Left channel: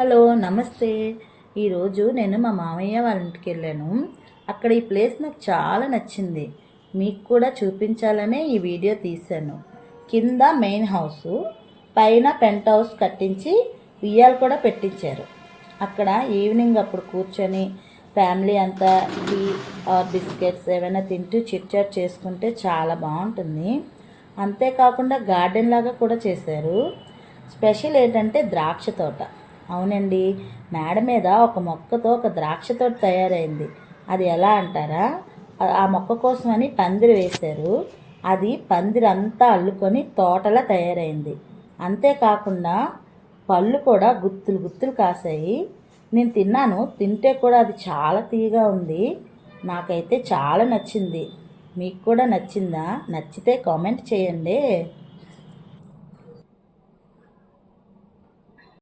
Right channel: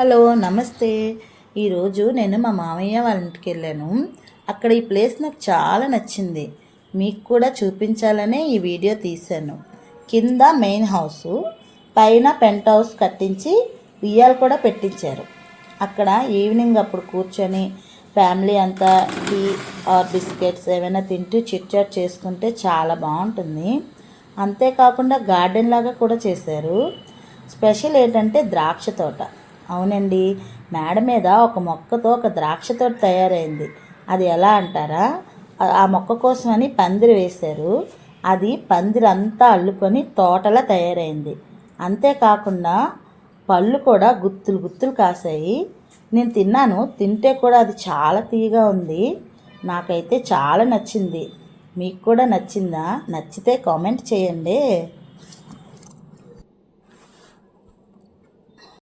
Hello నమస్తే. ఈరోజు నేను మా మామయ్య వాళ్ళ ఇంటికి వెళ్ళాను. అక్కడ ఈ ప్లేస్ నాకు చాలా నచ్చింది. మీకు కూడా చూపించాలనే ఈ వీడియో తీశాను. కింద మెయిన్ హౌస్ పైన పెంట్ హౌస్ కట్టించి ఉయ్యాలు కూడా పెట్టించారు. అక్కడ ఈవినింగ్ అప్పుడు కూర్చొని ఫ్యామిలీ అంతా టీ ఆర్ బిస్కెట్స్ ఏమైనా తింటూ చిట్ చాట్ చేసుకుంటే చాలా బాగుంటుంది. అంతేకాకుండా గార్డెన్ లాగా కూడా చేశారు. స్పెషల్ ఏంటంటే ద్రాక్ష తోట. అవునండి. మేడ మీద ఒక మొక్కతో ఒక ద్రాక్ష తోట తయారైంది. అది ఎలా అంటారా? ఆ- మొక్క కోసమని పందిరి వేశారు. అది పందిరి అంతా అల్లుకొని తోటలా తయారైంది. అంతేకాకుండా పళ్ళు కూడా గుత్తులు గుత్తులు కాసాయి నేను తిన్నాను. తింటే కూడా అది చాలా తీయగా ఉంది. నాకైతే చాలా నచ్చింది. మీకు కూడా నచ్చిందా? నచ్చితే కామెంట్ చేయండి.